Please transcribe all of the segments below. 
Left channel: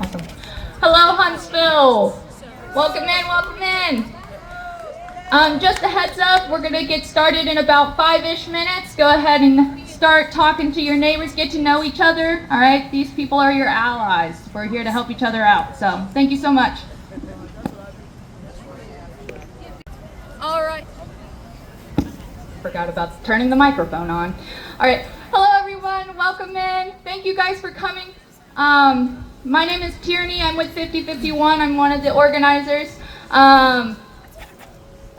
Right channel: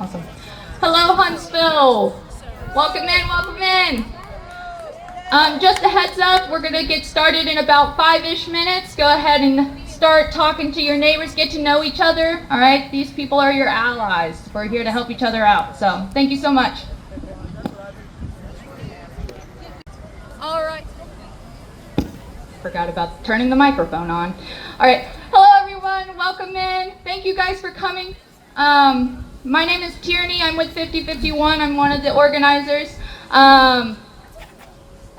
Awesome. Hello, Huntsville. Welcome in, welcome in. Just a heads up, we're going to get started in about 5-ish minutes. Go ahead and start talking to your neighbors, get to know each other. All right, these people are your allies. We're here to help each other out. So thank you so much. All right. Forgot about turning the microphone on. All right. Hello, everyone. Welcome in. Thank you guys for coming. My name is Tierney. I'm with 5051. I'm one of the organizers.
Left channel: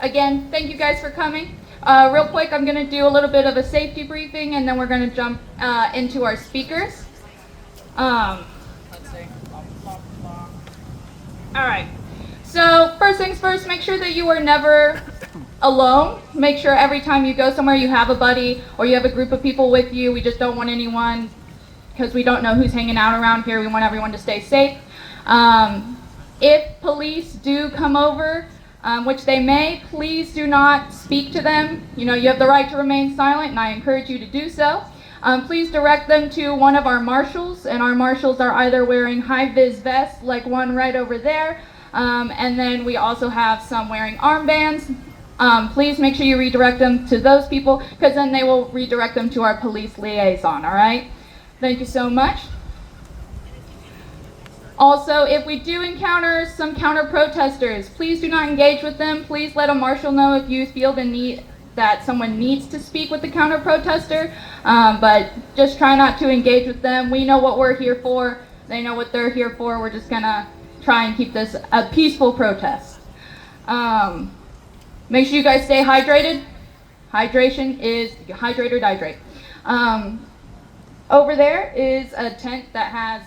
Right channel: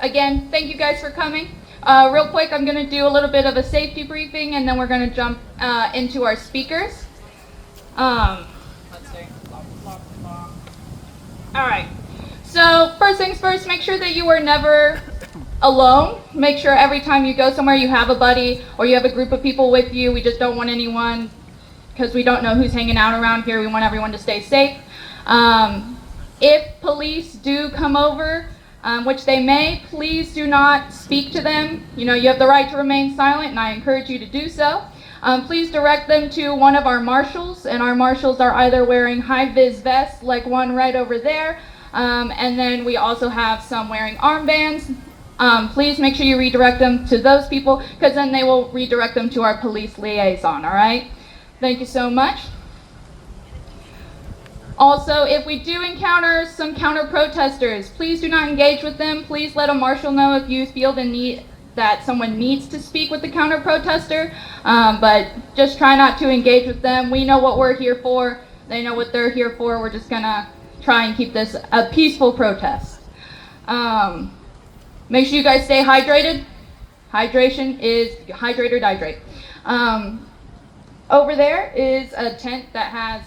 Again, thank you guys for coming. Real quick, I'm going to do a little bit of a safety briefing, and then we're going to jump into our speakers. Let's see. All right. So first things first, make sure that you are never alone. Make sure every time you go somewhere you have a buddy or you have a group of people with you. We just don't want anyone, because we don't know who's hanging out around here. We want everyone to stay safe. If police do come over, which they may, please do not speak to them. You know, you have the right to remain silent, and I encourage you to do so. Please direct them to one of our marshals, and our marshals are either wearing high-vis vests, like one right over there, and then we also have some wearing armbands. Please make sure you redirect them to those people, because then they will redirect them to our police liaison, all right? Thank you so much. Also, if we do encounter some counter-protesters, please do not engage with them. Please let a marshal know if you feel the need that someone needs to speak with the counter-protester, but just try not to engage with them. We know what we're here for. They know what they're here for. We're just gonna try and keep this a peaceful protest. Make sure you guys stay hydrated. Hydration is hydrate or dihydrate. Over there is a tent that has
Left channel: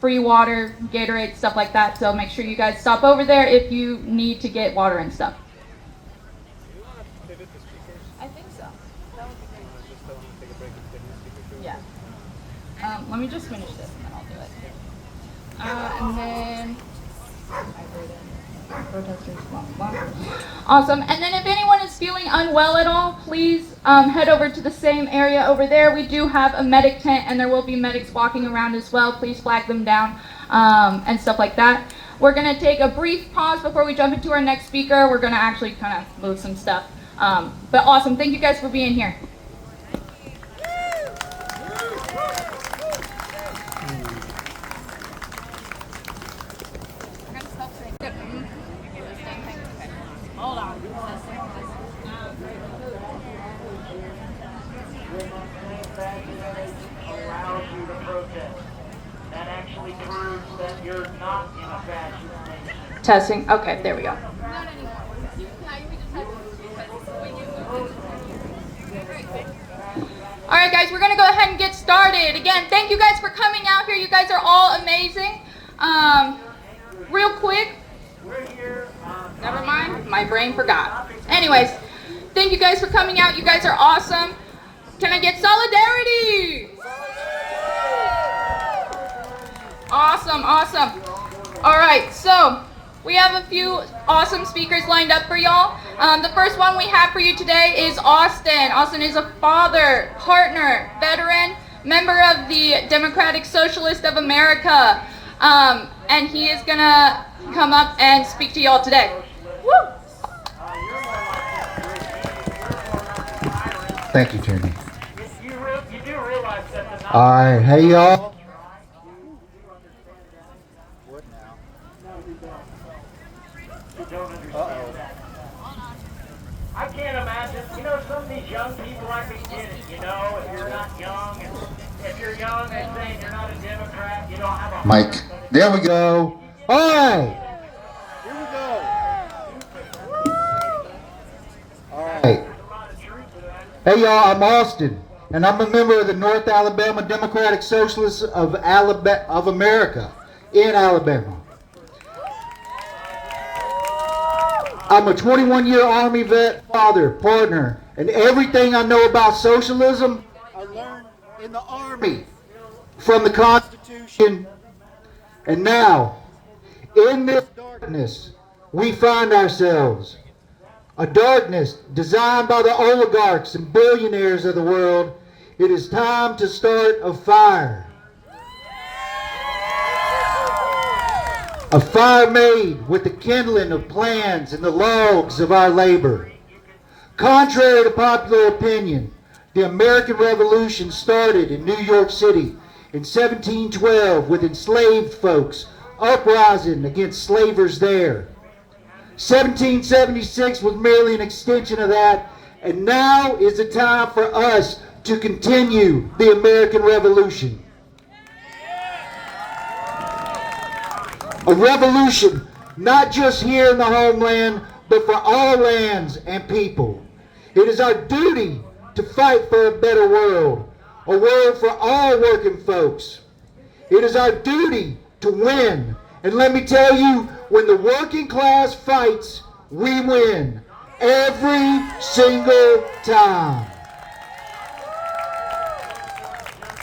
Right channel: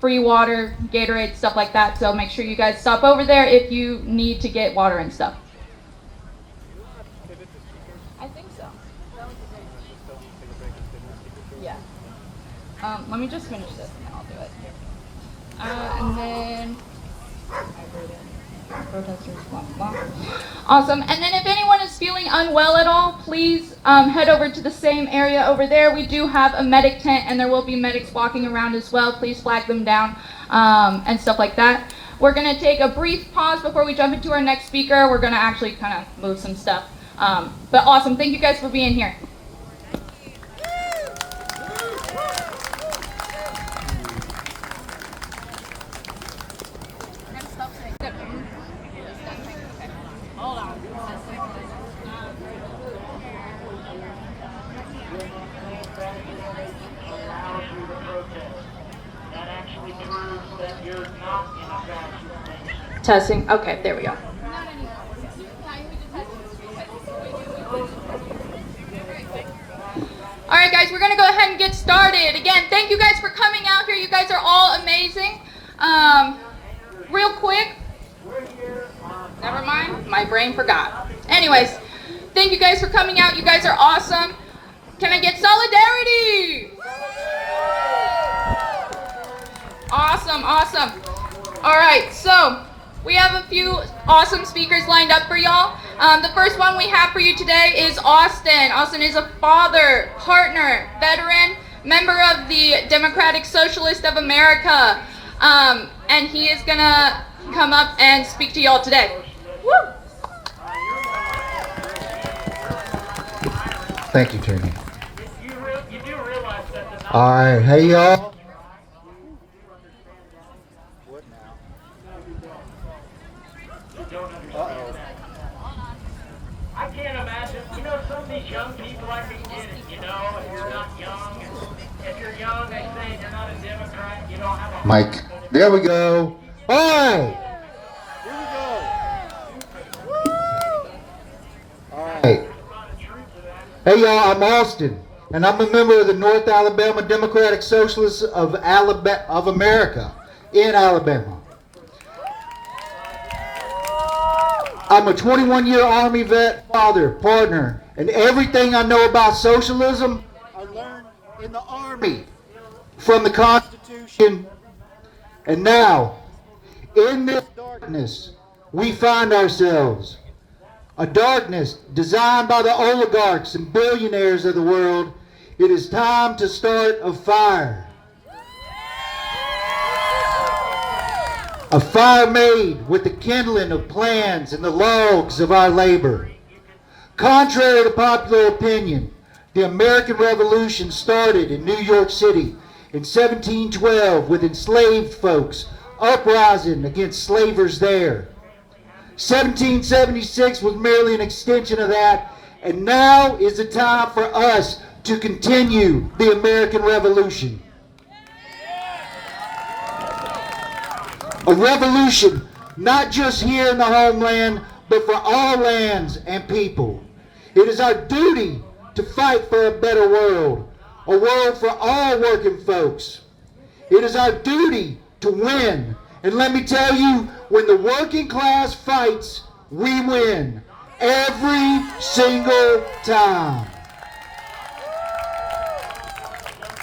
free water, Gatorade, stuff like that. So make sure you guys stop over there if you need to get water and stuff. I think so. Yeah. Let me just finish this and I'll do it. And then awesome. And then if anyone is feeling unwell at all, please head over to the same area over there. We do have a medic tent, and there will be medics walking around as well. Please flag them down and stuff like that. We're going to take a brief pause before we jump into our next speaker. We're going to actually kind of move some stuff. But awesome. Thank you guys for being here. Hold on. Allows you to protest. That actually proves that you're not in a fascist nation. Testing. Okay, there we go. All right, guys, we're going to go ahead and get started. Again, thank you guys for coming out here. You guys are all amazing. Real quick. Never mind, my brain forgot. Anyways, thank you guys for coming out. You guys are awesome. Can I get solidarity? Awesome, awesome. All right, so we have a few awesome speakers lined up for y'all. The first one we have for you today is Austin. Austin is a father, partner, veteran, member of the Democratic Socialist of America. And he is gonna come up and speak to y'all today. Woo! Thank you, Tierney. All right, hey y'all. What now? Uh-oh. I can't imagine, some of these young people, I can get it, if you're not young, if you're young, they say you're not a Democrat, you don't have a Mike, there we go. All right. Here we go. All right. Hey y'all, I'm Austin, and I'm a member of the North Alabama Democratic Socialists of America in Alabama. I'm a 21-year Army vet, father, partner, and everything I know about socialism, I learned in the Army, from the Constitution. And now, in this darkness, we find ourselves. A darkness designed by the oligarchs and billionaires of the world. It is time to start a fire. A fire made with the kindling of plans and the logs of our labor. Contrary to popular opinion, the American Revolution started in New York City in 1712 with enslaved folks uprising against slavers there. 1776 was merely an extension of that, and now is the time for us to continue the American Revolution. A revolution not just here in the homeland, but for all lands and people. It is our duty to fight for a better world, a world for all working folks. It is our duty to win. And let me tell you, when the working class fights, we win. Every single time.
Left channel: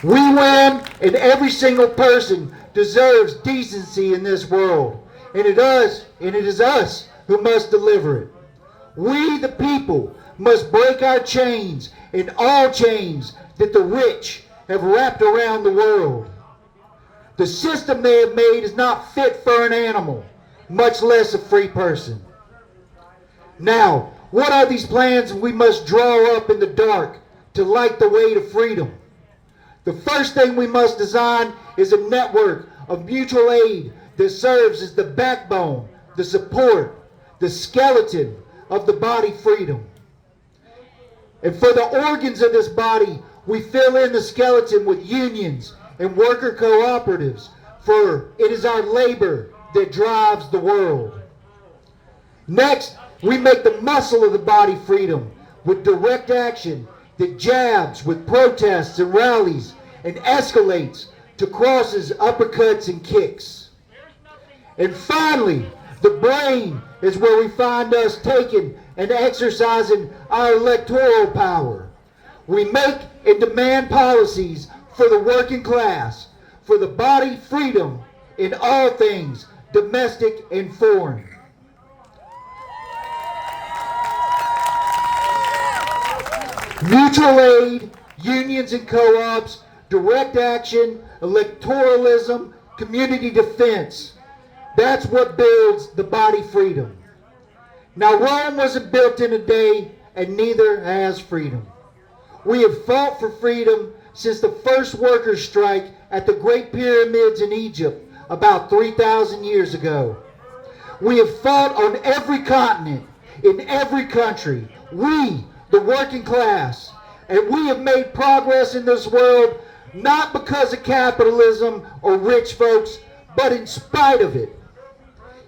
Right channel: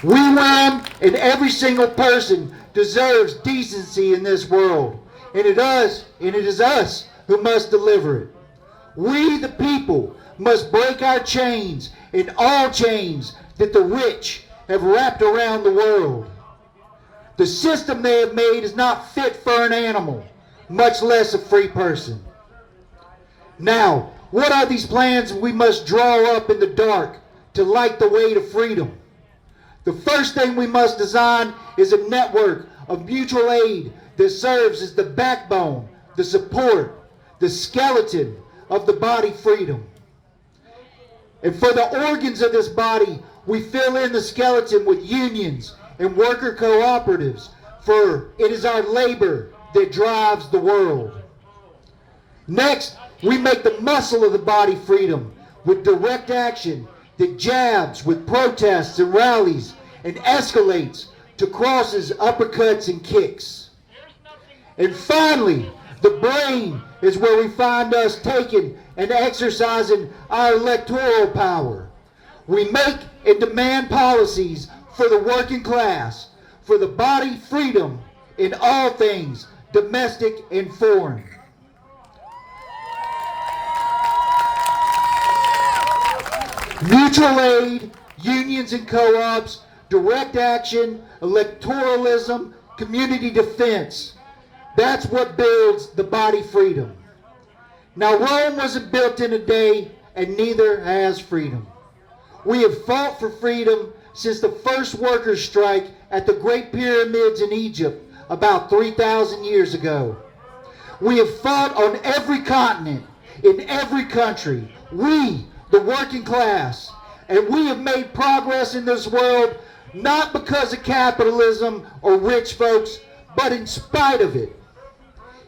We win, and every single person deserves decency in this world. And it is us who must deliver it. We, the people, must break our chains and all chains that the rich have wrapped around the world. The system they have made is not fit for an animal, much less a free person. Now, what are these plans we must draw up in the dark to light the way to freedom? The first thing we must design is a network of mutual aid that serves as the backbone, the support, the skeleton of the body freedom. And for the organs of this body, we fill in the skeleton with unions and worker cooperatives, for it is our labor that drives the world. Next, we make the muscle of the body freedom with direct action that jabs with protests and rallies and escalates to crosses, uppercuts, and kicks. And finally, the brain is where we find us taking and exercising our electoral power. We make and demand policies for the working class, for the body freedom in all things, domestic and foreign. Mutual aid, unions and co-ops, direct action, electoralism, community defense. That's what builds the body freedom. Now, Rome wasn't built in a day, and neither has freedom. We have fought for freedom since the first workers' strike at the Great Pyramids in Egypt about 3,000 years ago. We have fought on every continent, in every country. We, the working class, and we have made progress in this world not because of capitalism or rich folks, but in spite of it.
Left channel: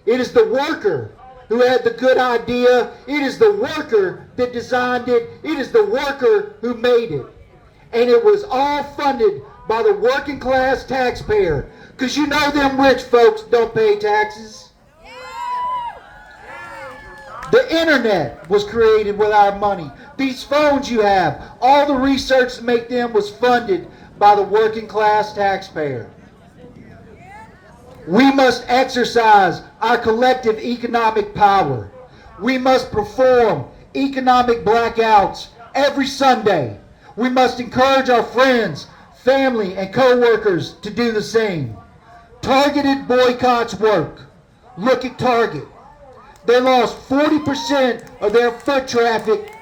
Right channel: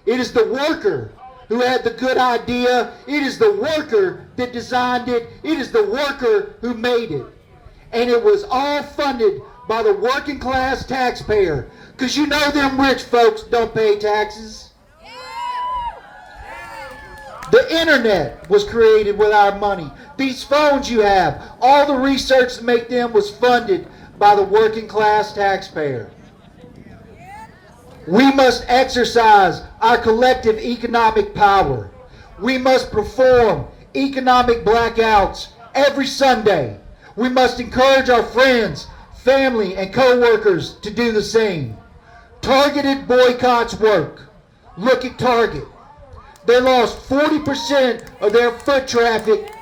It is the worker who had the good idea. It is the worker that designed it. It is the worker who made it. And it was all funded by the working class taxpayer. Because you know them rich folks don't pay taxes. The internet was created with our money. These phones you have, all the research to make them was funded by the working class taxpayer. We must exercise our collective economic power. We must perform economic blackouts every Sunday. We must encourage our friends, family, and co-workers to do the same. Targeted boycotts work. Look at Target. They lost 40% of their foot traffic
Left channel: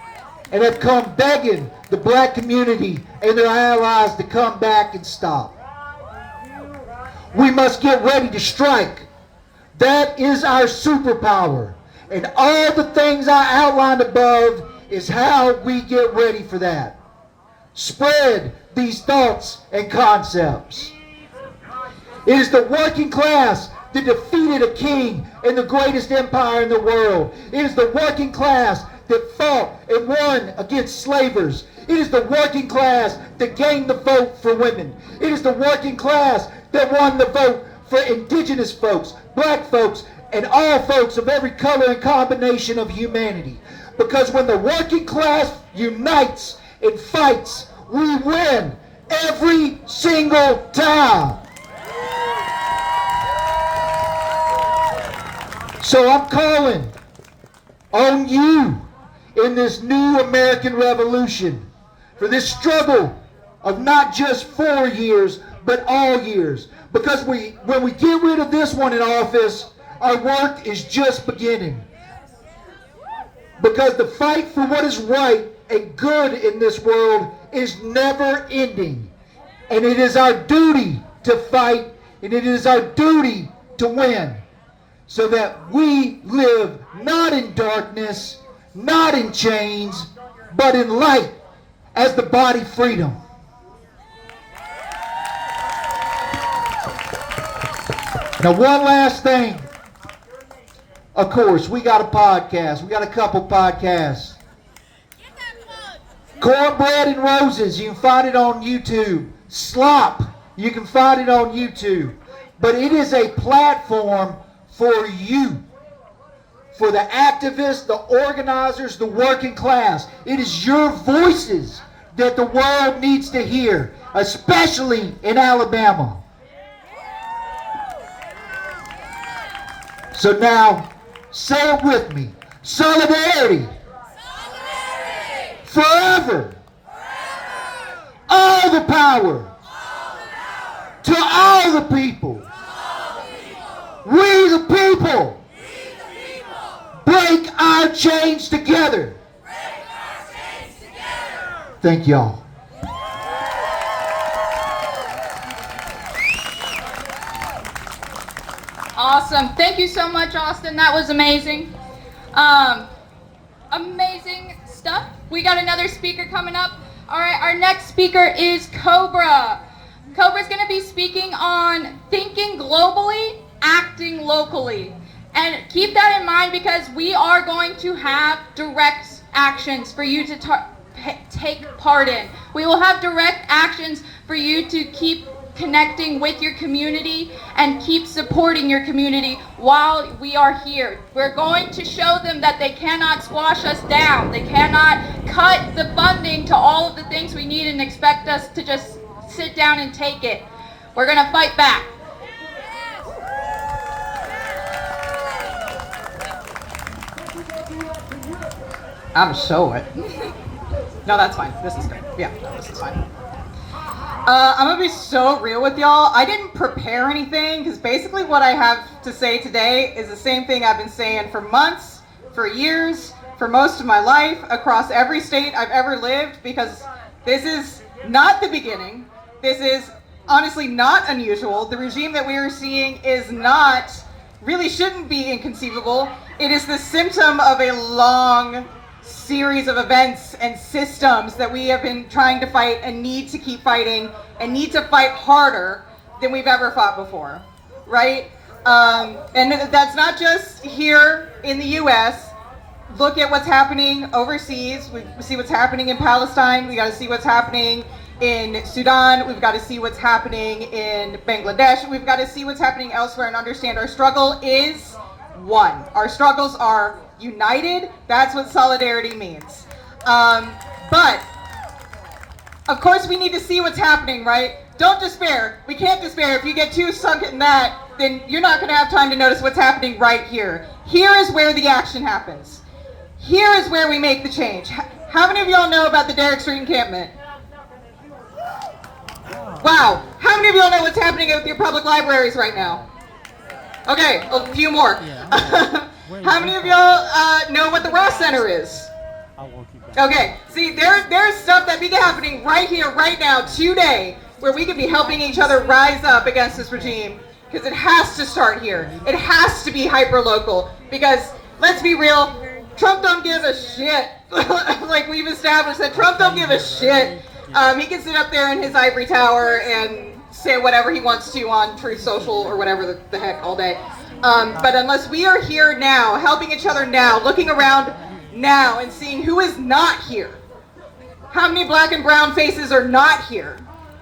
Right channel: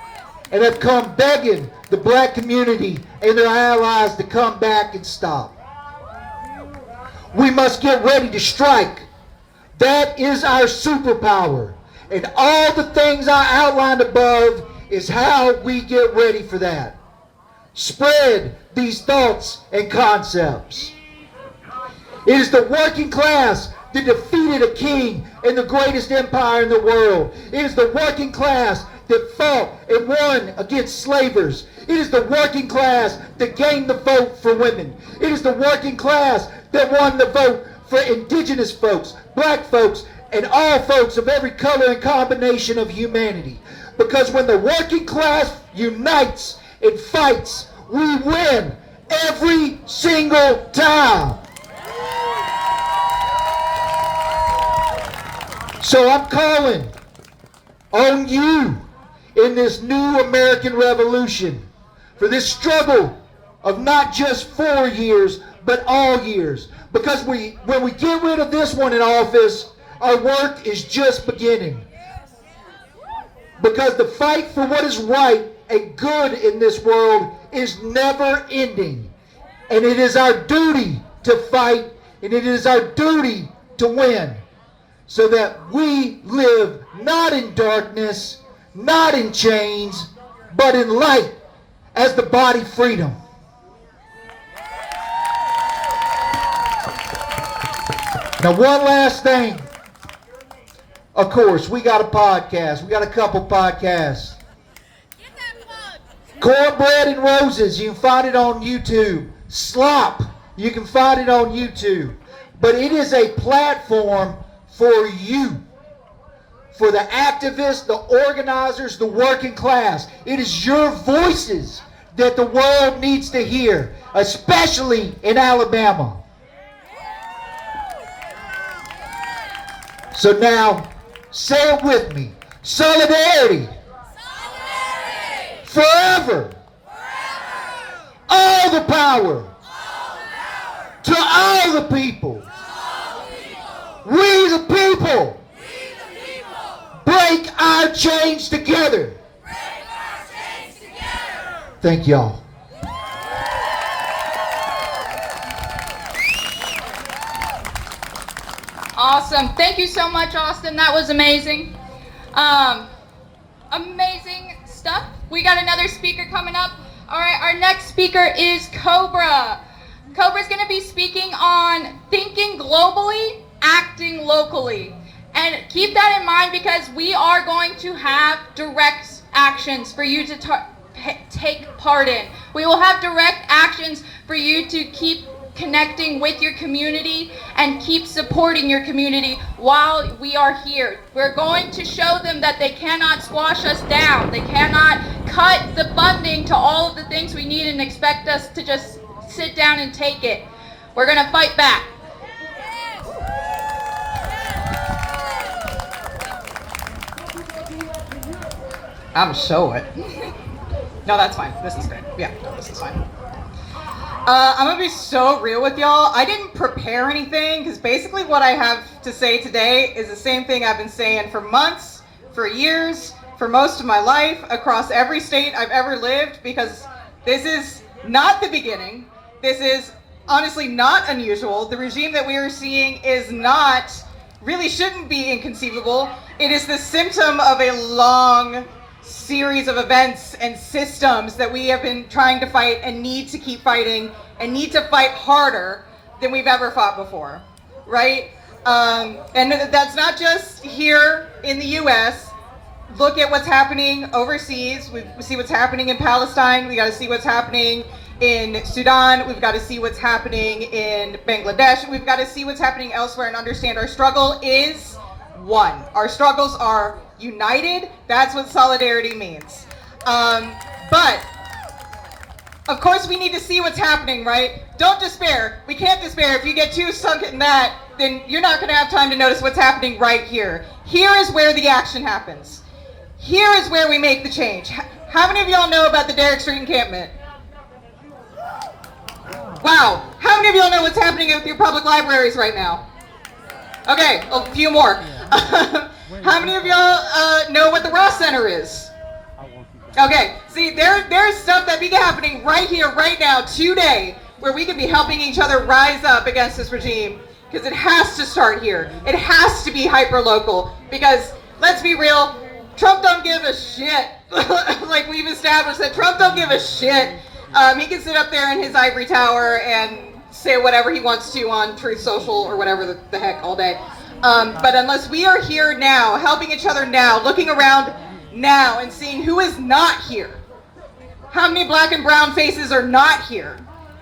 and have come begging the black community and their allies to come back and stop. We must get ready to strike. That is our superpower. And all the things I outlined above is how we get ready for that. Spread these thoughts and concepts. It is the working class that defeated a king in the greatest empire in the world. It is the working class that fought and won against slavers. It is the working class that gained the vote for women. It is the working class that won the vote for indigenous folks, black folks, and all folks of every color and combination of humanity. Because when the working class unites and fights, we win every single time. So I'm calling on you in this new American Revolution for this struggle of not just 4 years, but all years. Because when we get rid of this one in office, our work is just beginning. Because the fight for what is right and good in this world is never ending. And it is our duty to fight, and it is our duty to win, so that we live not in darkness, not in chains, but in light as the body freedom. Now, one last thing. Of course, we got a podcast. We got a couple podcasts. Cornbread and Roses, you can find it on YouTube. Slop, you can find it on YouTube. But it is a platform for you, for the activists, the organizers, the working class. It is your voices that the world needs to hear, especially in Alabama. So now, say it with me. Solidarity. Forever. All the power. To all the people. We the people. Break our chains together. Thank y'all. Awesome. Thank you so much, Austin. That was amazing. Amazing stuff. We got another speaker coming up. All right, our next speaker is Cobra. Cobra's going to be speaking on thinking globally, acting locally. And keep that in mind, because we are going to have direct actions for you to take part in. We will have direct actions for you to keep connecting with your community and keep supporting your community while we are here. We're going to show them that they cannot squash us down. They cannot cut the funding to all of the things we need and expect us to just sit down and take it. We're going to fight back. I'm so it. No, that's fine. This is good. Yeah, this is fine. I'm gonna be so real with y'all. I didn't prepare anything, because basically what I have to say today is the same thing I've been saying for months, for years, for most of my life, across every state I've ever lived, because this is not the beginning. This is honestly not unusual. The regime that we are seeing is not, really shouldn't be inconceivable. It is the symptom of a long series of events and systems that we have been trying to fight and need to keep fighting and need to fight harder than we've ever fought before, right? And that's not just here in the US. Look at what's happening overseas. We see what's happening in Palestine. We got to see what's happening in Sudan. We've got to see what's happening in Bangladesh. We've got to see what's happening elsewhere and understand our struggle is one. Our struggles are united. That's what solidarity means. But of course we need to see what's happening, right? Don't despair. We can't despair. If you get too sunk in that, then you're not going to have time to notice what's happening right here. Here is where the action happens. Here is where we make the change. How many of y'all know about the Derrick Street encampment? Wow. How many of y'all know what's happening at your public libraries right now? Okay, a few more. How many of y'all know what the Ross Center is? Okay, see, there's stuff that be happening right here, right now, today, where we could be helping each other rise up against this regime, because it has to start here. It has to be hyper-local, because, let's be real, Trump don't give a shit. Like we've established that Trump don't give a shit. He can sit up there in his ivory tower and say whatever he wants to on Truth Social or whatever the heck all day. But unless we are here now, helping each other now, looking around now and seeing who is not here. How many black and brown faces are not here?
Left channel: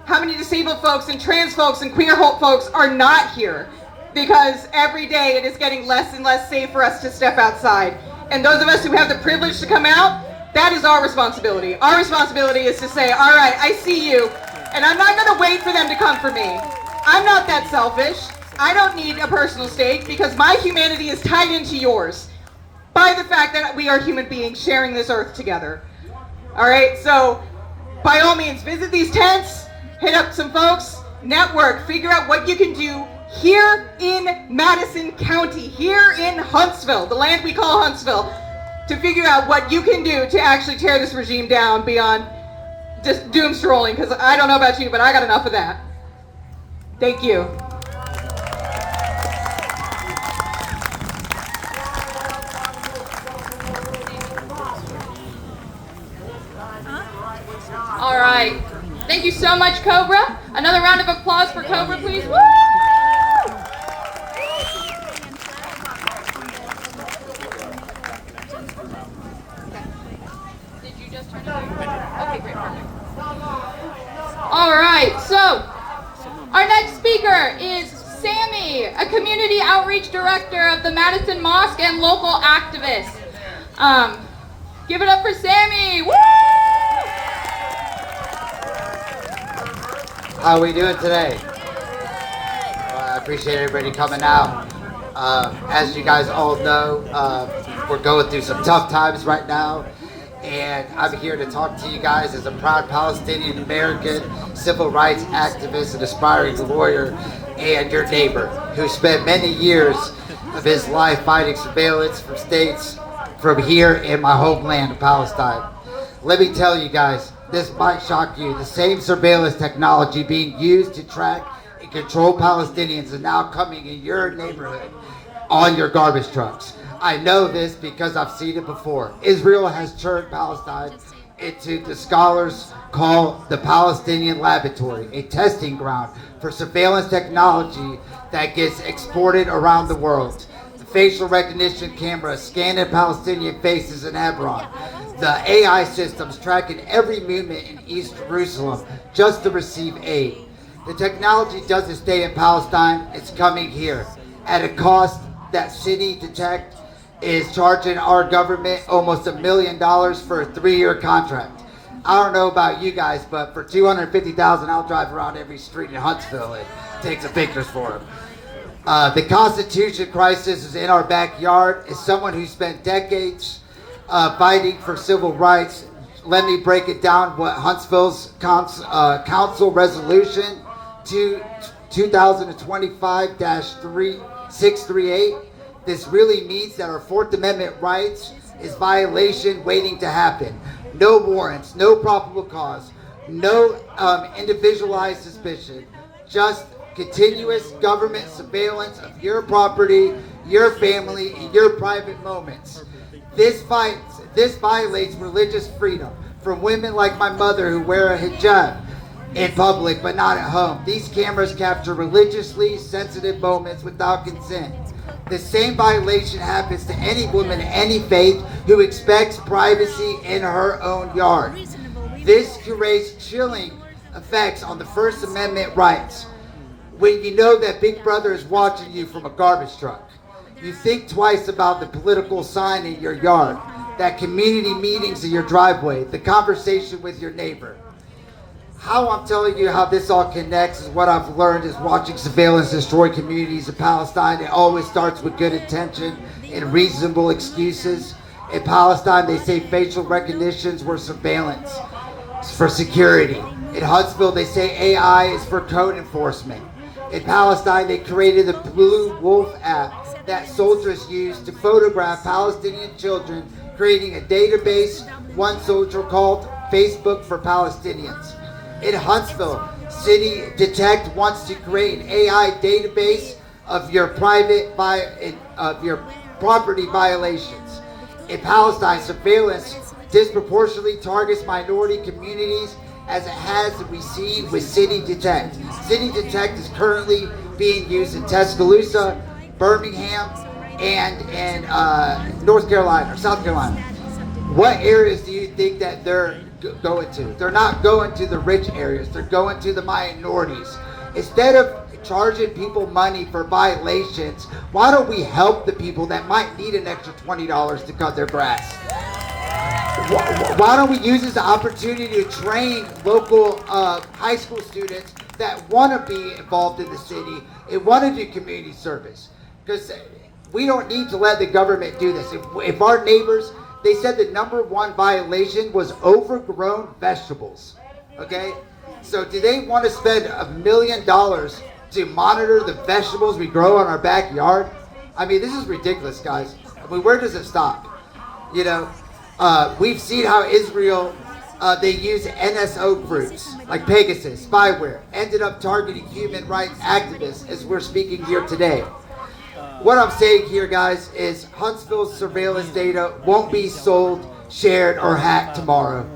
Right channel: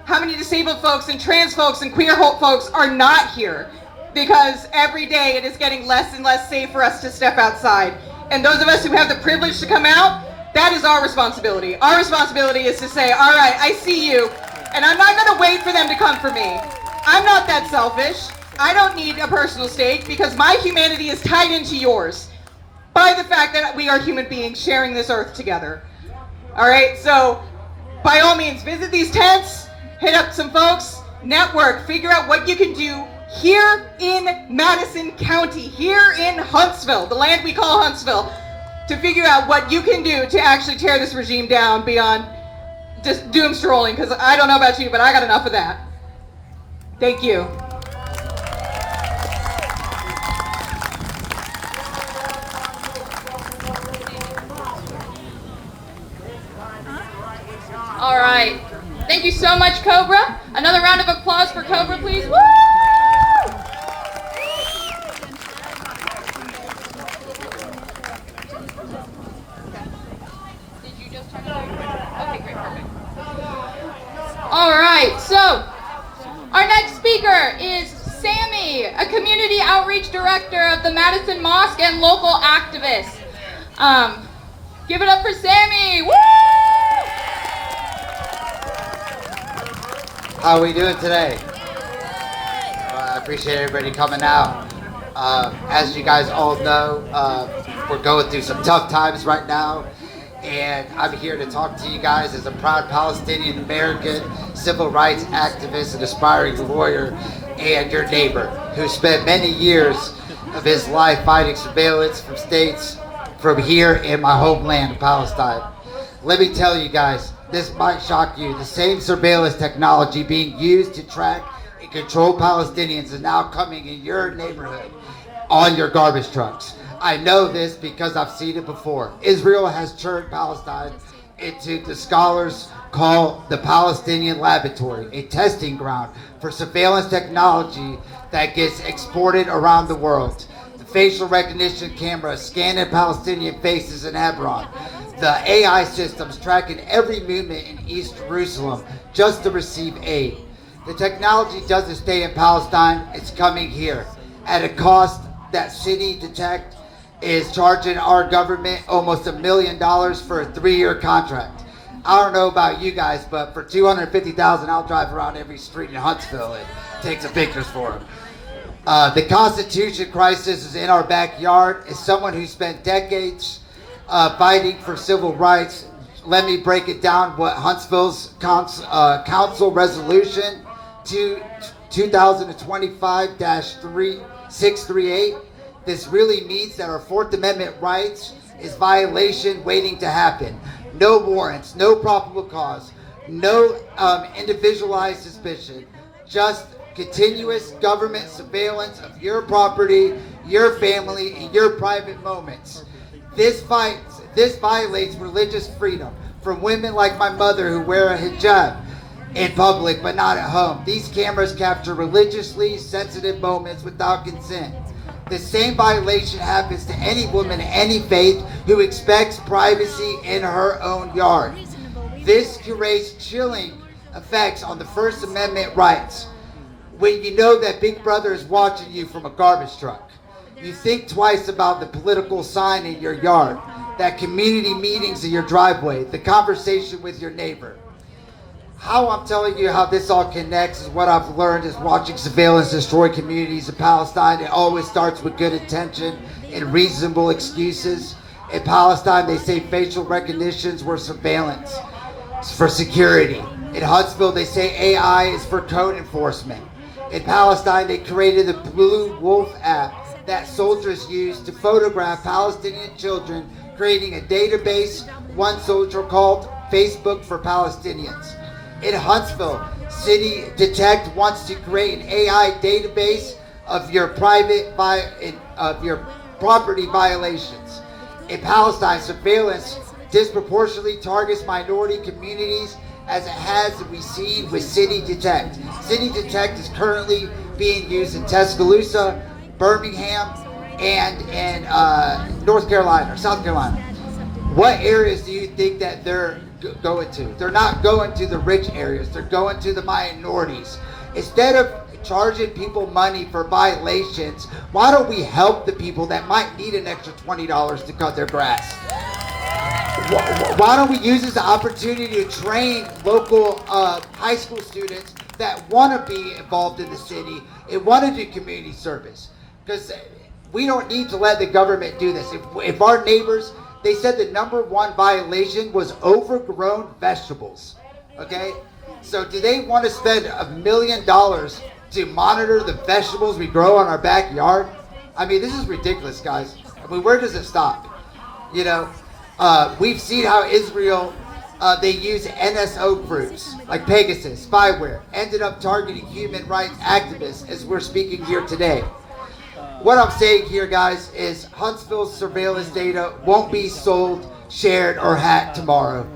How many disabled folks and trans folks and queer folks are not here? Because every day it is getting less and less safe for us to step outside. And those of us who have the privilege to come out, that is our responsibility. Our responsibility is to say, all right, I see you, and I'm not going to wait for them to come for me. I'm not that selfish. I don't need a personal stake, because my humanity is tied into yours by the fact that we are human beings sharing this earth together. All right, so by all means, visit these tents, hit up some folks, network, figure out what you can do here in Madison County, here in Huntsville, the land we call Huntsville, to figure out what you can do to actually tear this regime down beyond just doom scrolling, because I don't know about you, but I got enough of that. Thank you. All right. Thank you so much, Cobra. Another round of applause for Cobra, please. Woo! Did you just turn it on? Okay, great, perfect. All right, so our next speaker is Sammy, a community outreach director of the Madison Mosque and local activist. Give it up for Sammy. Woo! How are we doing today? Well, I appreciate everybody coming out. As you guys all know, we're going through some tough times right now, and I'm here to talk to you guys as a proud Palestinian American, civil rights activist and aspiring lawyer, and your neighbor who spent many years of his life fighting surveillance from states from here in my homeland of Palestine. Let me tell you guys, this might shock you. The same surveillance technology being used to track and control Palestinians is now coming in your neighborhood on your garbage trucks. I know this because I've seen it before. Israel has turned Palestine into the scholars call the Palestinian Laboratory, a testing ground for surveillance technology that gets exported around the world. The facial recognition cameras scanning Palestinian faces in Hebron. The AI systems tracking every movement in East Jerusalem just to receive aid. The technology doesn't stay in Palestine, it's coming here at a cost that City Detect is charging our government almost $1 million for a 3-year contract. I don't know about you guys, but for $250,000, I'll drive around every street in Huntsville and take some pictures for them. The Constitution crisis is in our backyard. As someone who spent decades fighting for civil rights, let me break it down what Huntsville's Council Resolution 2025-638. This really means that our Fourth Amendment rights is violation waiting to happen. No warrants, no probable cause, no individualized suspicion, just continuous government surveillance of your property, your family, and your private moments. This violates religious freedom from women like my mother who wear a hijab in public but not at home. These cameras capture religiously sensitive moments without consent. The same violation happens to any woman of any faith who expects privacy in her own yard. This creates chilling effects on the First Amendment rights. When you know that Big Brother is watching you from a garbage truck, you think twice about the political sign in your yard, that community meetings in your driveway, the conversation with your neighbor. How I'm telling you how this all connects is what I've learned is watching surveillance destroy communities in Palestine. It always starts with good intention and reasonable excuses. In Palestine, they say facial recognitions were surveillance for security. In Huntsville, they say AI is for code enforcement. In Palestine, they created the Blue Wolf app that soldiers use to photograph Palestinian children, creating a database one soldier called Facebook for Palestinians. In Huntsville, City Detect wants to create an AI database of your property violations. In Palestine, surveillance disproportionately targets minority communities as it has we see with City Detect. City Detect is currently being used in Tuscaloosa, Birmingham, and in North Carolina, or South Carolina. What areas do you think that they're going to? They're not going to the rich areas, they're going to the minorities. Instead of charging people money for violations, why don't we help the people that might need an extra $20 to cut their grass? Why don't we use this opportunity to train local high school students that want to be involved in the city and want to do community service? Because we don't need to let the government do this. If our neighbors, they said the #1 violation was overgrown vegetables. Okay? So do they want to spend $1 million to monitor the vegetables we grow in our backyard. I mean, this is ridiculous, guys. I mean, where does it stop? You know, we've seen how Israel, they use NSO groups like Pegasus, spyware, ended up targeting human rights activists as we're speaking here today. What I'm saying here, guys, is Huntsville's surveillance data won't be sold, shared, or hacked tomorrow.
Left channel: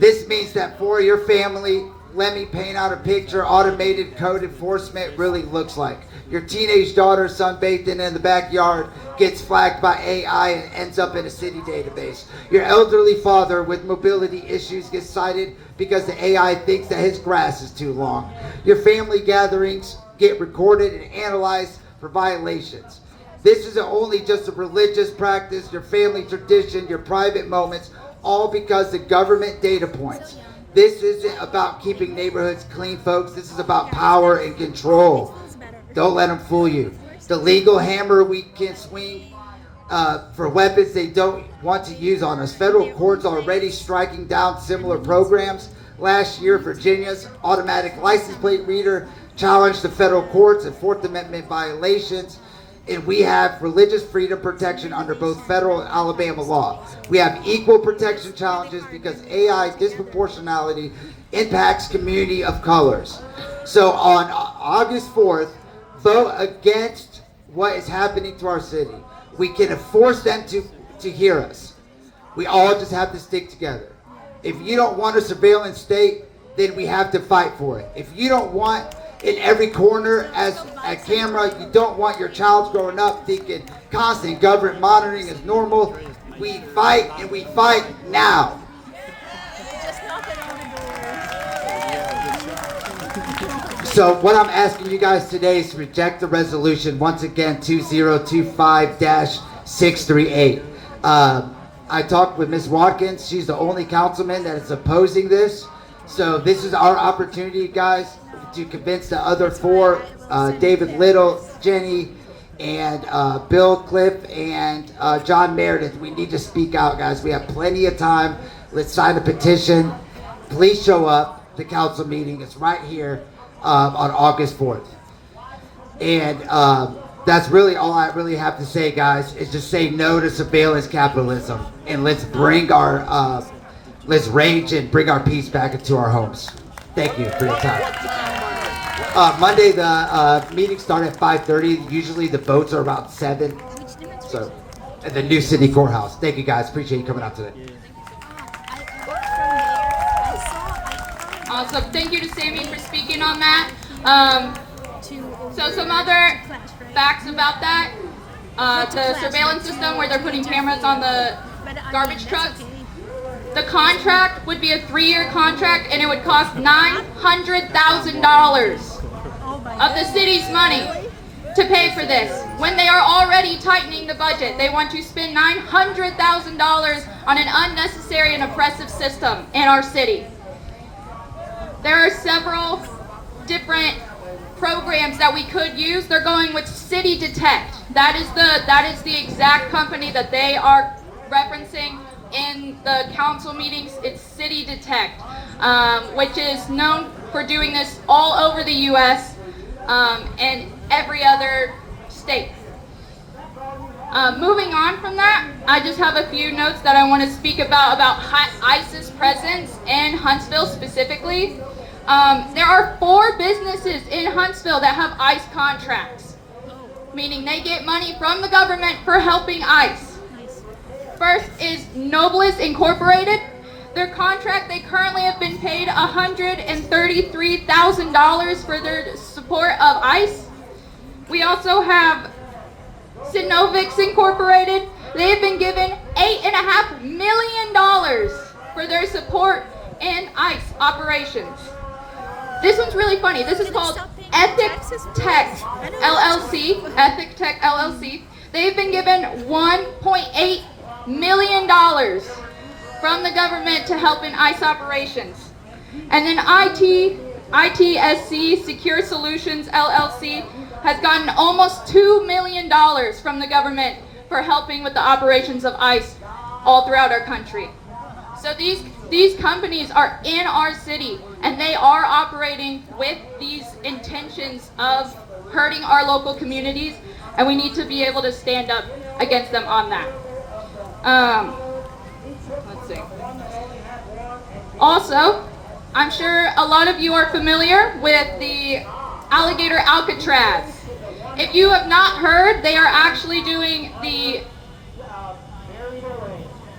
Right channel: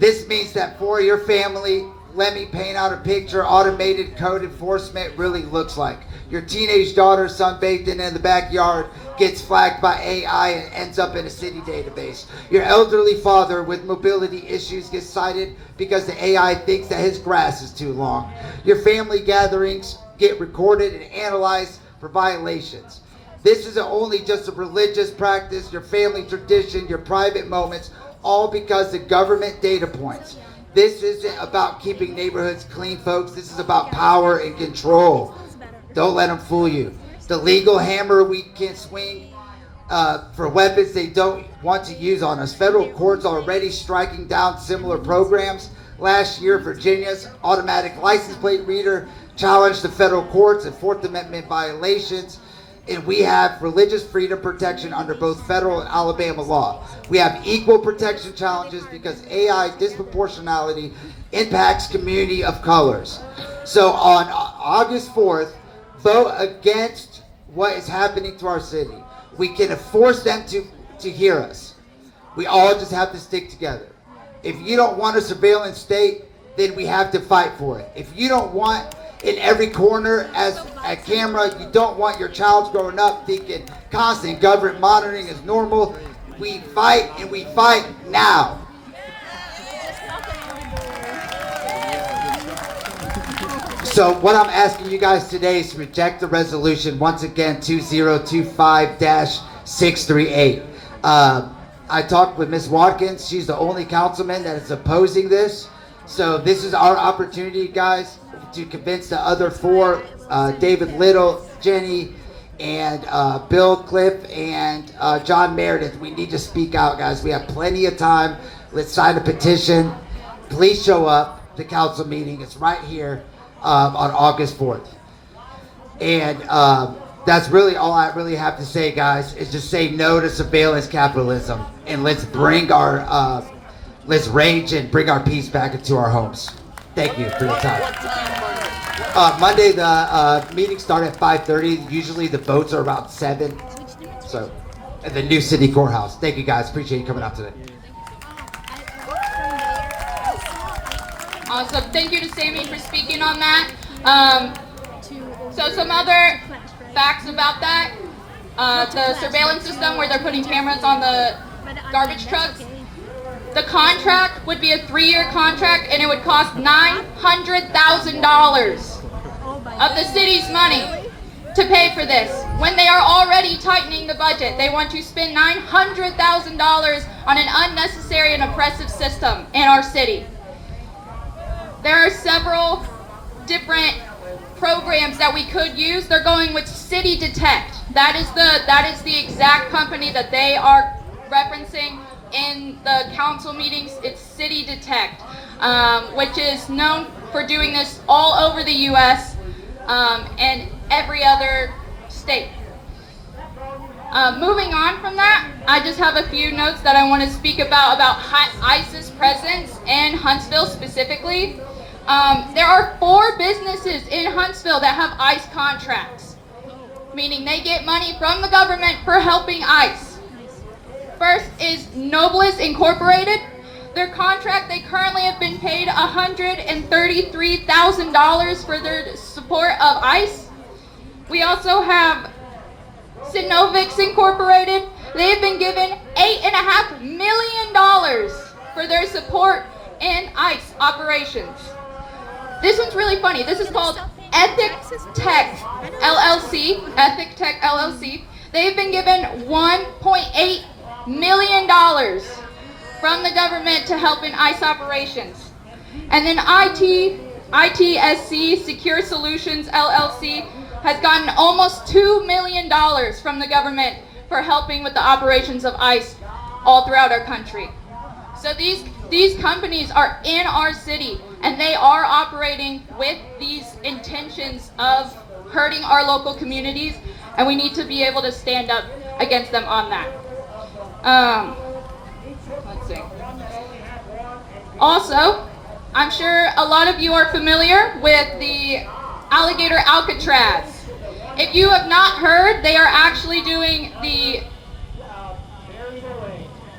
This means that for your family, let me paint out a picture automated code enforcement really looks like. Your teenage daughter sunbathing in the backyard gets flagged by AI and ends up in a city database. Your elderly father with mobility issues gets cited because the AI thinks that his grass is too long. Your family gatherings get recorded and analyzed for violations. This isn't only just a religious practice, your family tradition, your private moments, all because the government data points. This isn't about keeping neighborhoods clean, folks. This is about power and control. Don't let them fool you. The legal hammer we can swing for weapons they don't want to use on us. Federal courts already striking down similar programs. Last year, Virginia's automatic license plate reader challenged the federal courts and Fourth Amendment violations. And we have religious freedom protection under both federal and Alabama law. We have equal protection challenges because AI disproportionality impacts community of colors. So on August 4th, vote against what is happening to our city. We can force them to hear us. We all just have to stick together. If you don't want a surveillance state, then we have to fight for it. If you don't want in every corner as a camera, you don't want your child growing up thinking constant government monitoring is normal. We fight, and we fight now. So what I'm asking you guys today is to reject the resolution, once again, 2025-638. I talked with Ms. Watkins. She's the only councilman that is opposing this. So this is our opportunity, guys, to convince the other four, David Little, Jenny, and Bill Cliff, and John Meredith. We need to speak out, guys. We have plenty of time. Let's sign a petition. Please show up. The council meeting is right here on August 4th. And that's really all I really have to say, guys, is just say no to surveillance capitalism. And let's bring our, let's rage and bring our peace back into our homes. Thank you for your time. Monday, the meetings start at 5:30. Usually the votes are around 7. So, at the new city courthouse. Thank you, guys. Appreciate you coming out today. Awesome. Thank you to Sammy for speaking on that. So some other facts about that. The surveillance system where they're putting cameras on the garbage trucks. The contract would be a 3-year contract, and it would cost $900,000 of the city's money to pay for this. When they are already tightening the budget, they want to spend $900,000 on an unnecessary and oppressive system in our city. There are several different programs that we could use. They're going with City Detect. That is the exact company that they are referencing in the council meetings. It's City Detect, which is known for doing this all over the U.S. And every other state. Moving on from that, I just have a few notes that I want to speak about ICE's presence in Huntsville specifically. There are 4 businesses in Huntsville that have ICE contracts, meaning they get money from the government for helping ICE. First is Nobles Incorporated. Their contract, they currently have been paid $133,000 for their support of ICE. We also have Synovix Incorporated. They have been given $8.5 million for their support in ICE operations. This one's really funny. This is called Ethic Tech LLC. Ethic Tech LLC. They've been given $1.8 million from the government to help in ICE operations. And then ITSC Secure Solutions LLC has gotten almost $2 million from the government for helping with the operations of ICE all throughout our country. So these companies are in our city, and they are operating with these intentions of hurting our local communities, and we need to be able to stand up against them on that. Let's see. Also, I'm sure a lot of you are familiar with the alligator Alcatraz. If you have not heard, they are actually doing the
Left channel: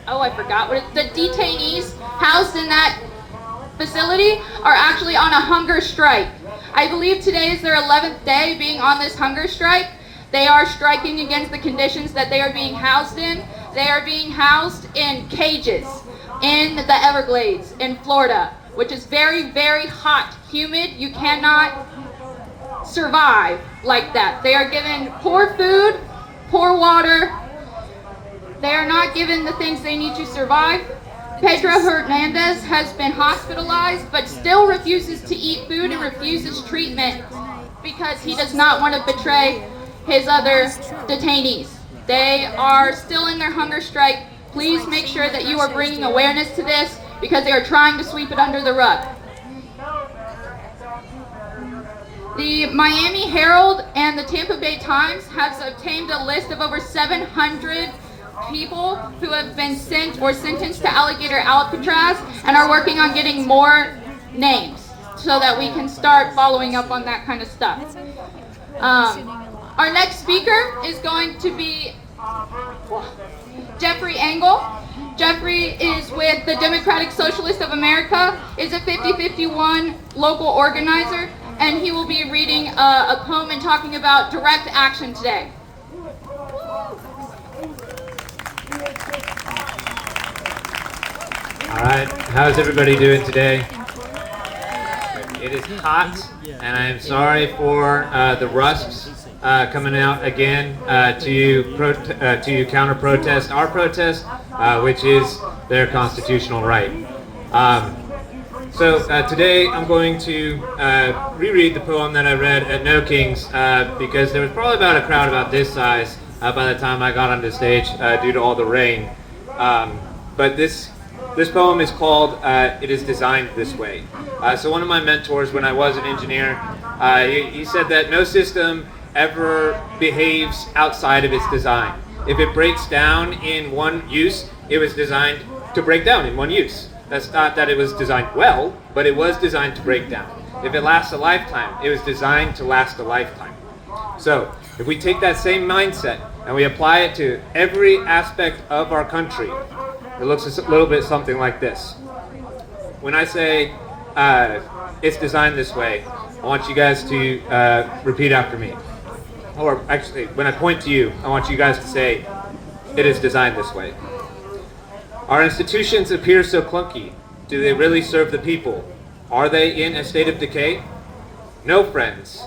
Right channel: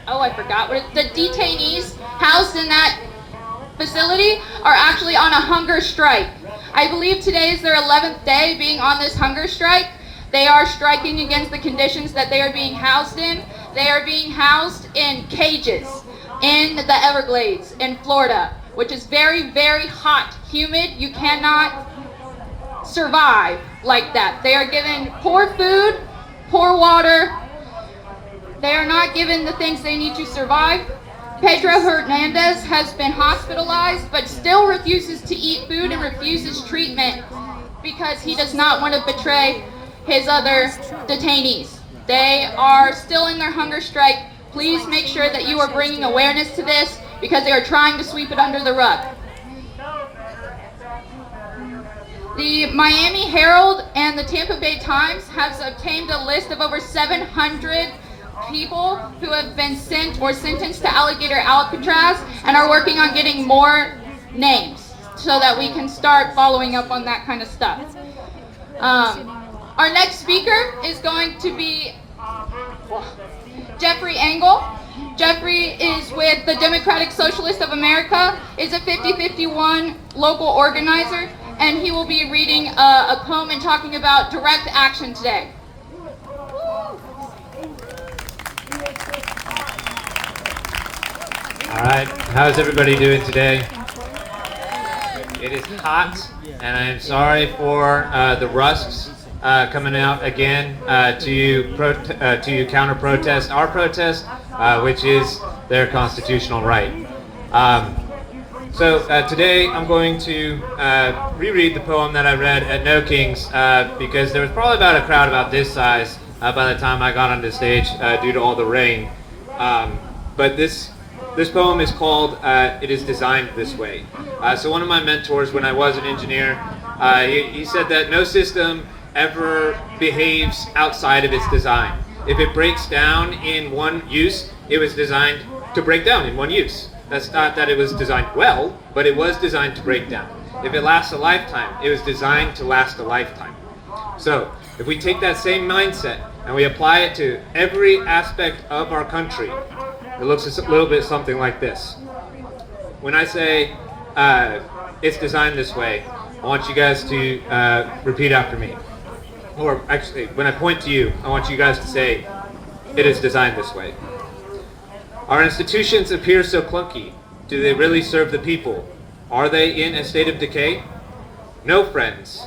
the detainees housed in that facility are actually on a hunger strike. I believe today is their 11th day being on this hunger strike. They are striking against the conditions that they are being housed in. They are being housed in cages in the Everglades in Florida, which is very, very hot, humid. You cannot survive like that. They are given poor food, poor water. They are not given the things they need to survive. Pedro Hernandez has been hospitalized but still refuses to eat food and refuses treatment because he does not want to betray his other detainees. They are still in their hunger strike. Please make sure that you are bringing awareness to this because they are trying to sweep it under the rug. The Miami Herald and the Tampa Bay Times has obtained a list of over 700 people who have been sent or sentenced to alligator Alcatraz and are working on getting more names so that we can start following up on that kind of stuff. Our next speaker is going to be Jeffrey Engel. Jeffrey is with the Democratic Socialists of America, is a 5051 local organizer, and he will be reading a poem and talking about direct action today. All right, how's everybody doing today? It is hot, and I am sorry for the rusks coming out again to counter-protest our protest, which is their constitutional right. So today I'm going to reread the poem that I read at No Kings because there was probably about a crowd about this size by the time I got onto stage due to all the rain. But this poem is called It Is Designed This Way. So one of my mentors when I was an engineer, he said that no system ever behaves outside of its design. If it breaks down in one use, it was designed to break down in one use. That's not that it was designed well, but it was designed to break down. If it lasts a lifetime, it was designed to last a lifetime. So if we take that same mindset and we apply it to every aspect of our country, it looks a little bit something like this. When I say it's designed this way, I want you guys to repeat after me. Or actually, when I point to you, I want you guys to say, it is designed this way. Our institutions appear so clunky. Do they really serve the people? Are they in a state of decay? No, friends.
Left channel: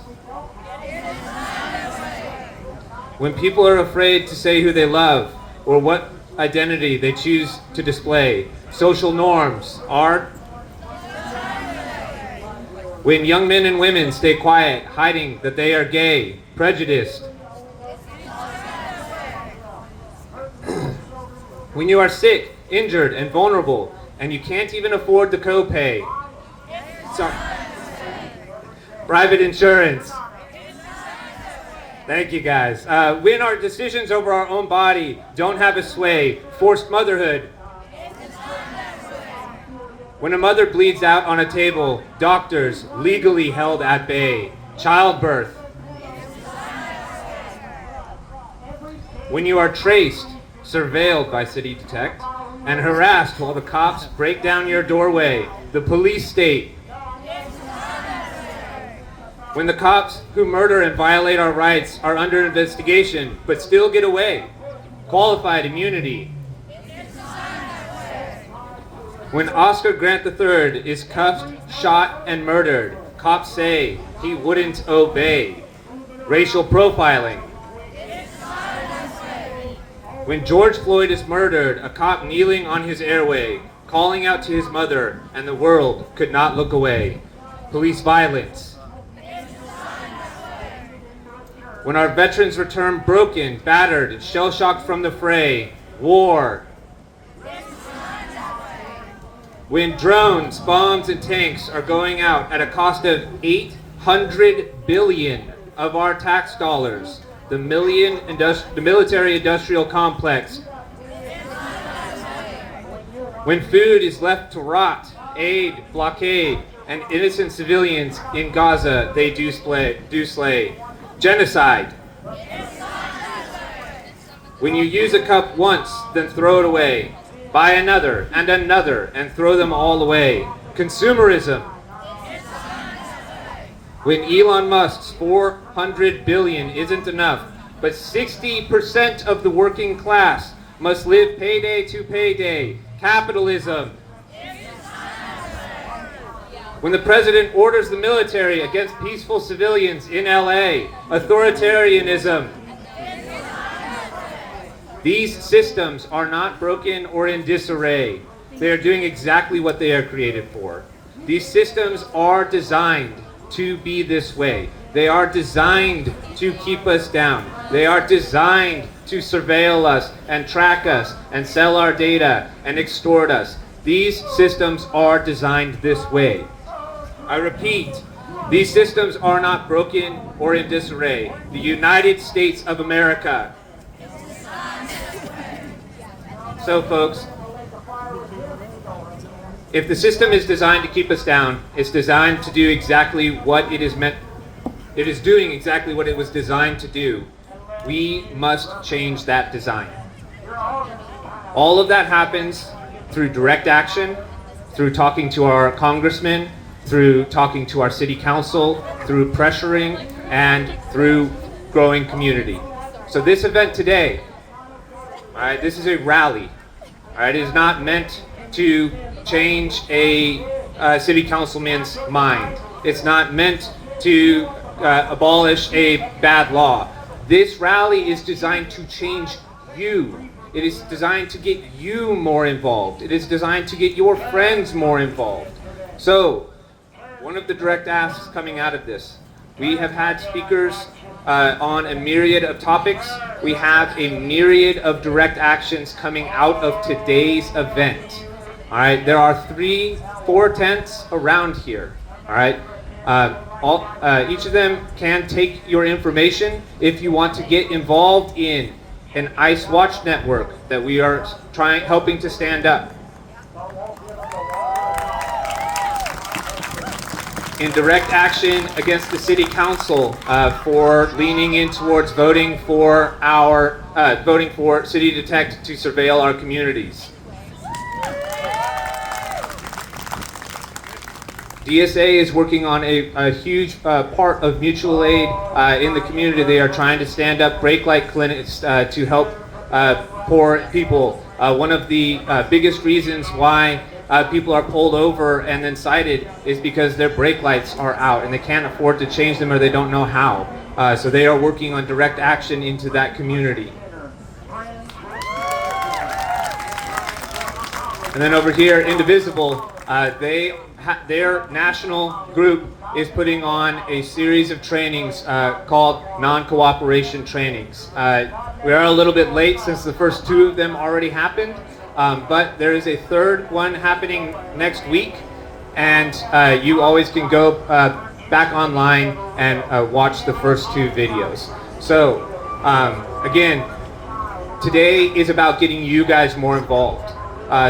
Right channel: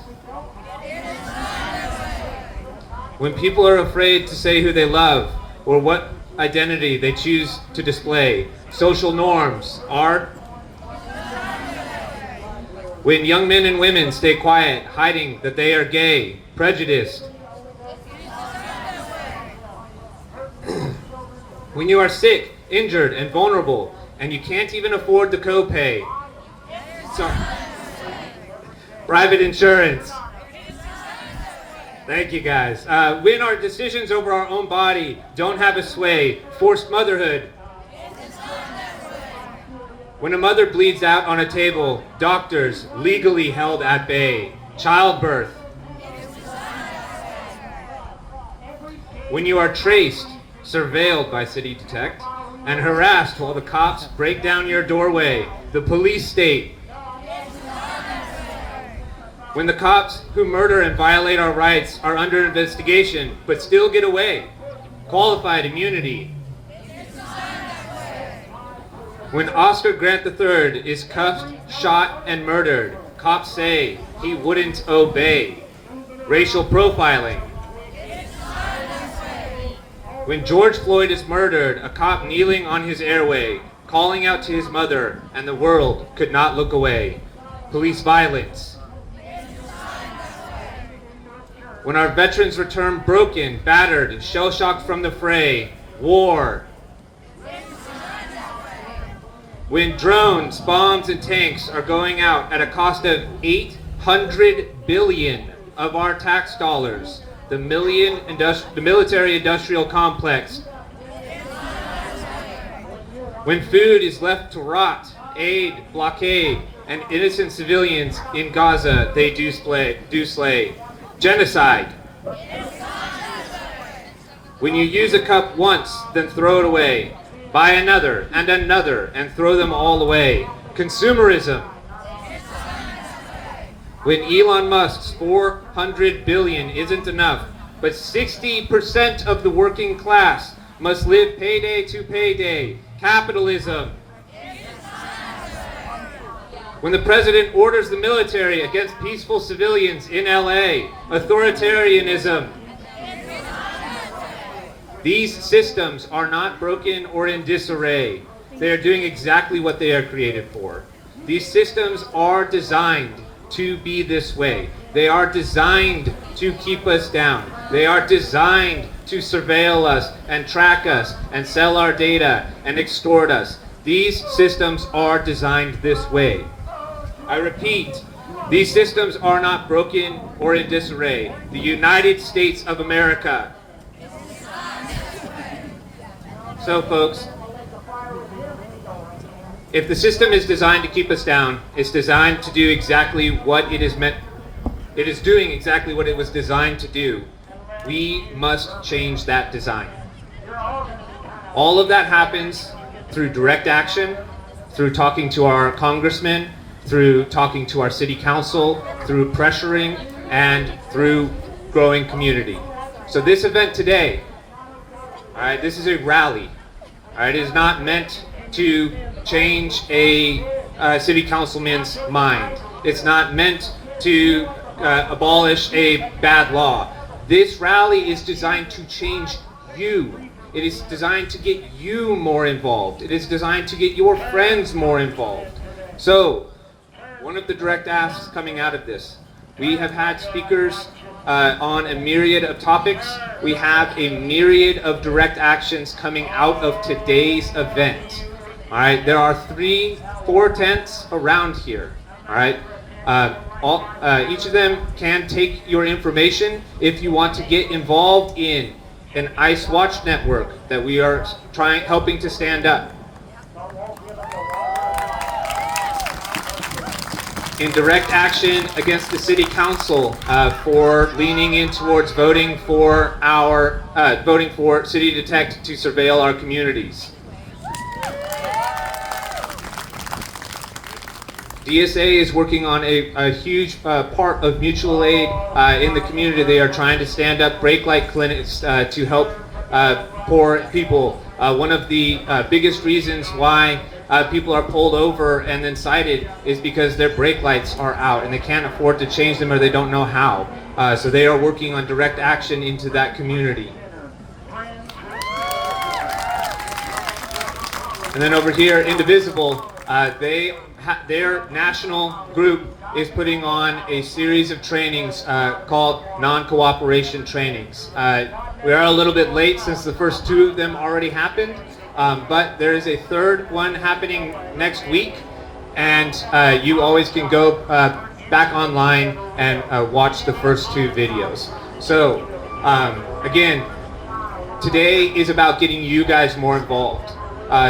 When people are afraid to say who they love or what identity they choose to display, social norms are. When young men and women stay quiet, hiding that they are gay, prejudiced. When you are sick, injured, and vulnerable, and you can't even afford the copay. Sorry. Private insurance. Thank you, guys. When our decisions over our own body don't have a sway, forced motherhood. When a mother bleeds out on a table, doctors legally held at bay, childbirth. When you are traced, surveilled by City Detect, and harassed while the cops break down your doorway, the police state. When the cops who murder and violate our rights are under investigation, but still get away, qualified immunity. When Oscar Grant III is cuffed, shot, and murdered, cops say he wouldn't obey. Racial profiling. When George Floyd is murdered, a cop kneeling on his airway, calling out to his mother, and the world could not look away. Police violence. When our veterans return broken, battered, and shell-shocked from the fray, war. When drones, bombs, and tanks are going out at a cost of 800 billion of our tax dollars, the military industrial complex. When food is left to rot, aid, blockade, and innocent civilians in Gaza, they do slay. Genocide. When you use a cup once, then throw it away. Buy another, and throw them all away. Consumerism. When Elon Musk's 400 billion isn't enough, but 60% of the working class must live payday to payday. Capitalism. When the president orders the military against peaceful civilians in LA, authoritarianism. These systems are not broken or in disarray. They are doing exactly what they are created for. These systems are designed to be this way. They are designed to keep us down. They are designed to surveil us and track us and sell our data and extort us. These systems are designed this way. I repeat, these systems are not broken or in disarray. The United States of America. So folks, if the system is designed to keep us down, it's designed to do exactly what it is meant. It is doing exactly what it was designed to do. We must change that design. All of that happens through direct action, through talking to our congressmen, through talking to our city council, through pressuring, and through growing community. So this event today, all right, this is a rally. All right, it is not meant to change a city councilman's mind. It's not meant to abolish a bad law. This rally is designed to change you. It is designed to get you more involved. It is designed to get your friends more involved. So, one of the direct asks coming out of this, we have had speakers on a myriad of topics. We have a myriad of direct actions coming out of today's event. All right, there are 4 tents around here. All right, each of them can take your information if you want to get involved in an ICE Watch network that we are helping to stand up. In direct action against the city council for leaning in towards voting for City Detect to surveil our communities. DSA is working on a huge part of mutual aid in the community. They are trying to stand up brake light clinics to help poor people. One of the biggest reasons why people are pulled over and then cited is because their brake lights are out and they can't afford to change them or they don't know how. So they are working on direct action into that community. And then over here, Indivisible, their national group is putting on a series of trainings called non-cooperation trainings. We are a little bit late since the first 2 of them already happened, but there is a 3rd one happening next week, and you always can go back online and watch the first 2 videos. So again, today is about getting you guys more involved.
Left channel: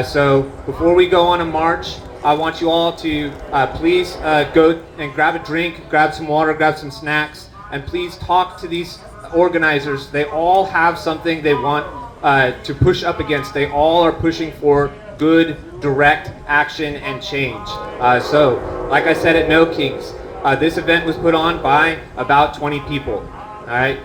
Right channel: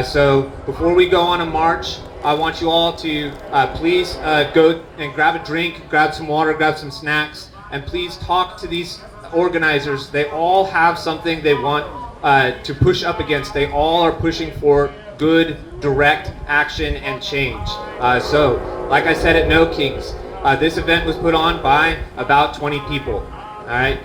So before we go on a march, I want you all to please go and grab a drink, grab some water, grab some snacks, and please talk to these organizers. They all have something they want to push up against. They all are pushing for good, direct action and change. So, like I said at No Kings, this event was put on by about 20 people. All right.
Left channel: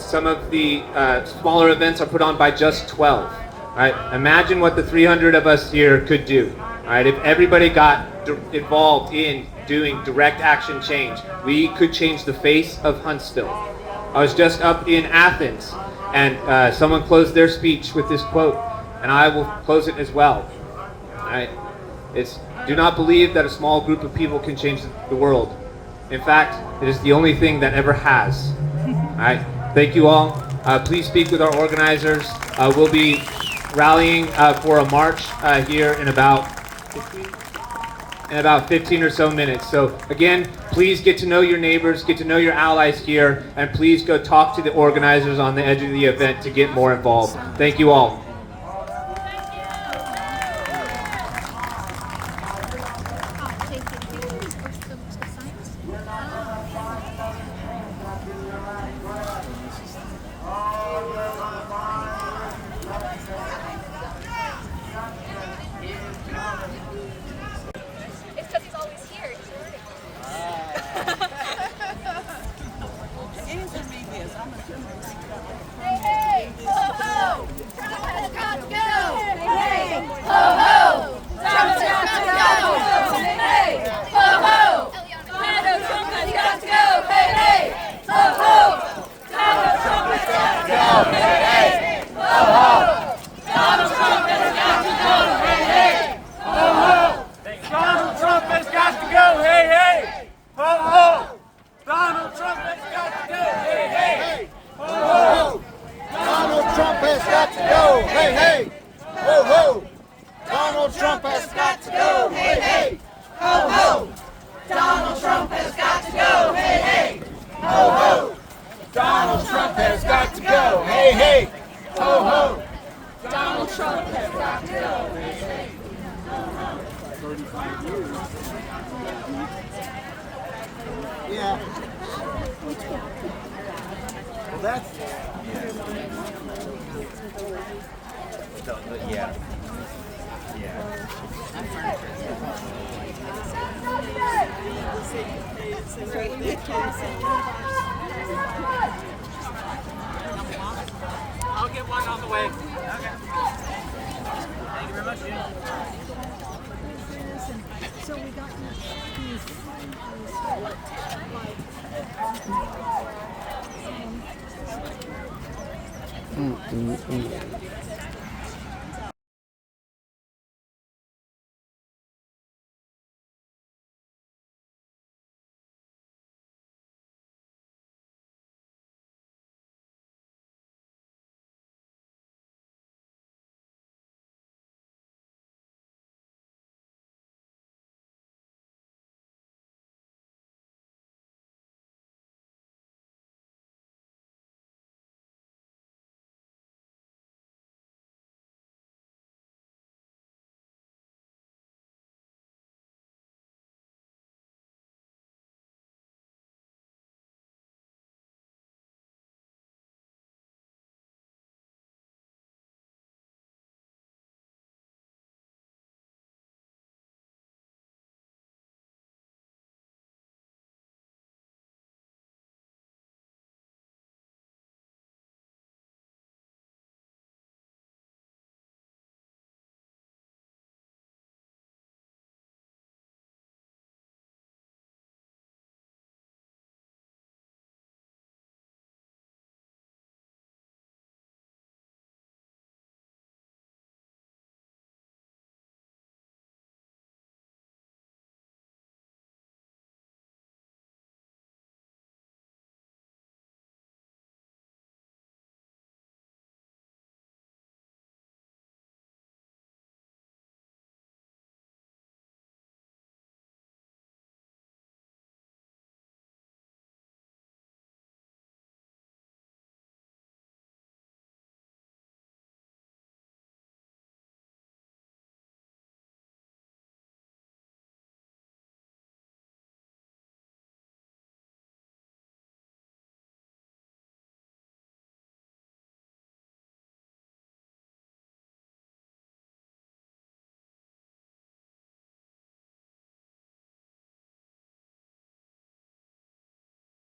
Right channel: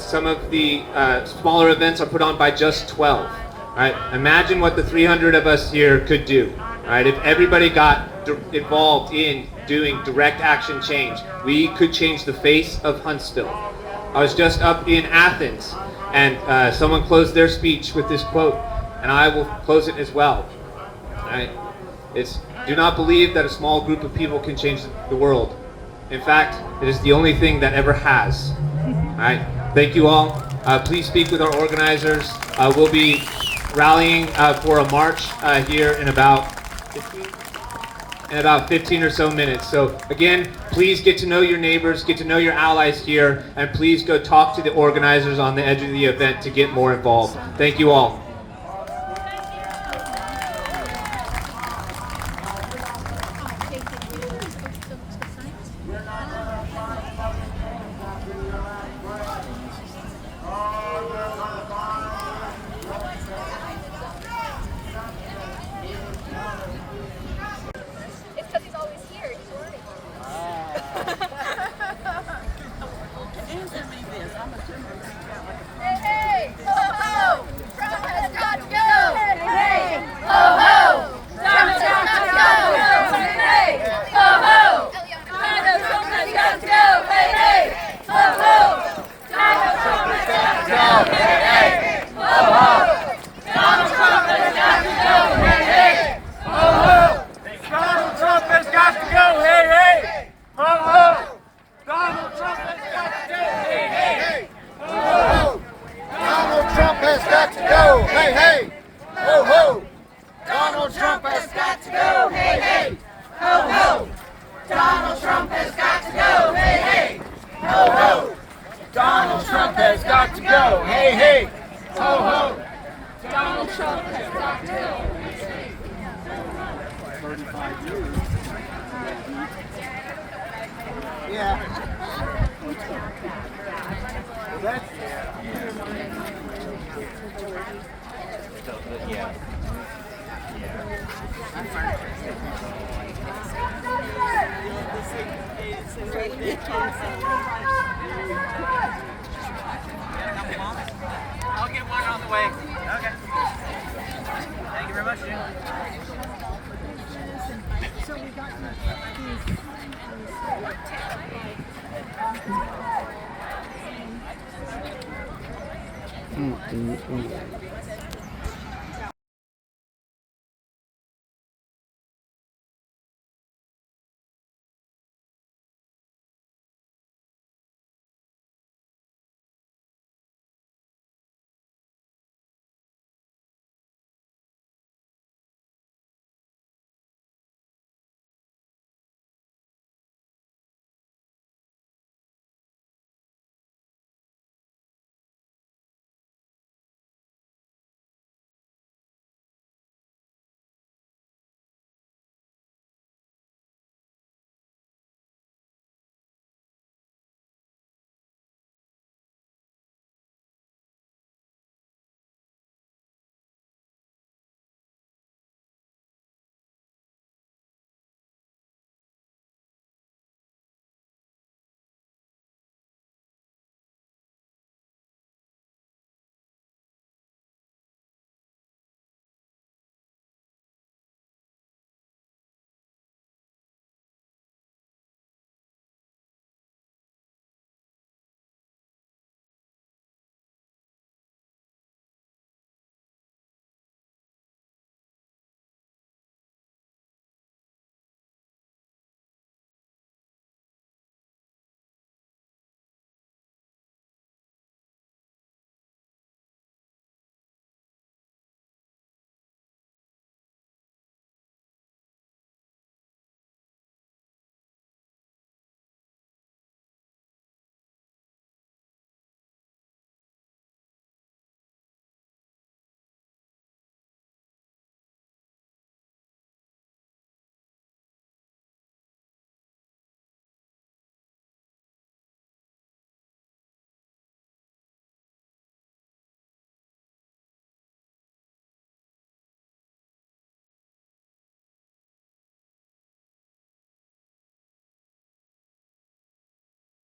Some of the smaller events are put on by just 12. All right. Imagine what the 300 of us here could do. All right, if everybody got involved in doing direct action change, we could change the face of Huntsville. I was just up in Athens, and someone closed their speech with this quote, and I will close it as well. All right, it's, do not believe that a small group of people can change the world. In fact, it is the only thing that ever has. All right, thank you all. Please speak with our organizers. We'll be rallying for a march here in about in about 15 or so minutes. So again, please get to know your neighbors, get to know your allies here, and please go talk to the organizers on the edge of the event to get more involved. Thank you all. It's because he's always here. He's learning. Hey, hey, ho, ho! Trump has got to go! Hey, hey, ho, ho! Trump has got to go! Hey, hey, ho, ho! Donald Trump has got to go! Hey, hey, ho, ho! Donald Trump has got to go! Hey, hey, ho, ho! Donald Trump has got to go! Hey, hey, ho, ho! Donald Trump has got to go. Hey, hey, ho, ho. Donald Trump has got to go. Hey, hey, ho, ho. Donald Trump has got to go. Hey, hey, ho, ho. Donald Trump has got to go. Hey, hey, ho, ho. Donald Trump has got to go. Hey, hey, ho, ho. Donald Trump has got to go. Hey, hey, ho, ho. Donald Trump has got to go. 35 years. Yeah. Well, that's. I'll get one on the way. Okay. Thank you very much, Jim. So we got these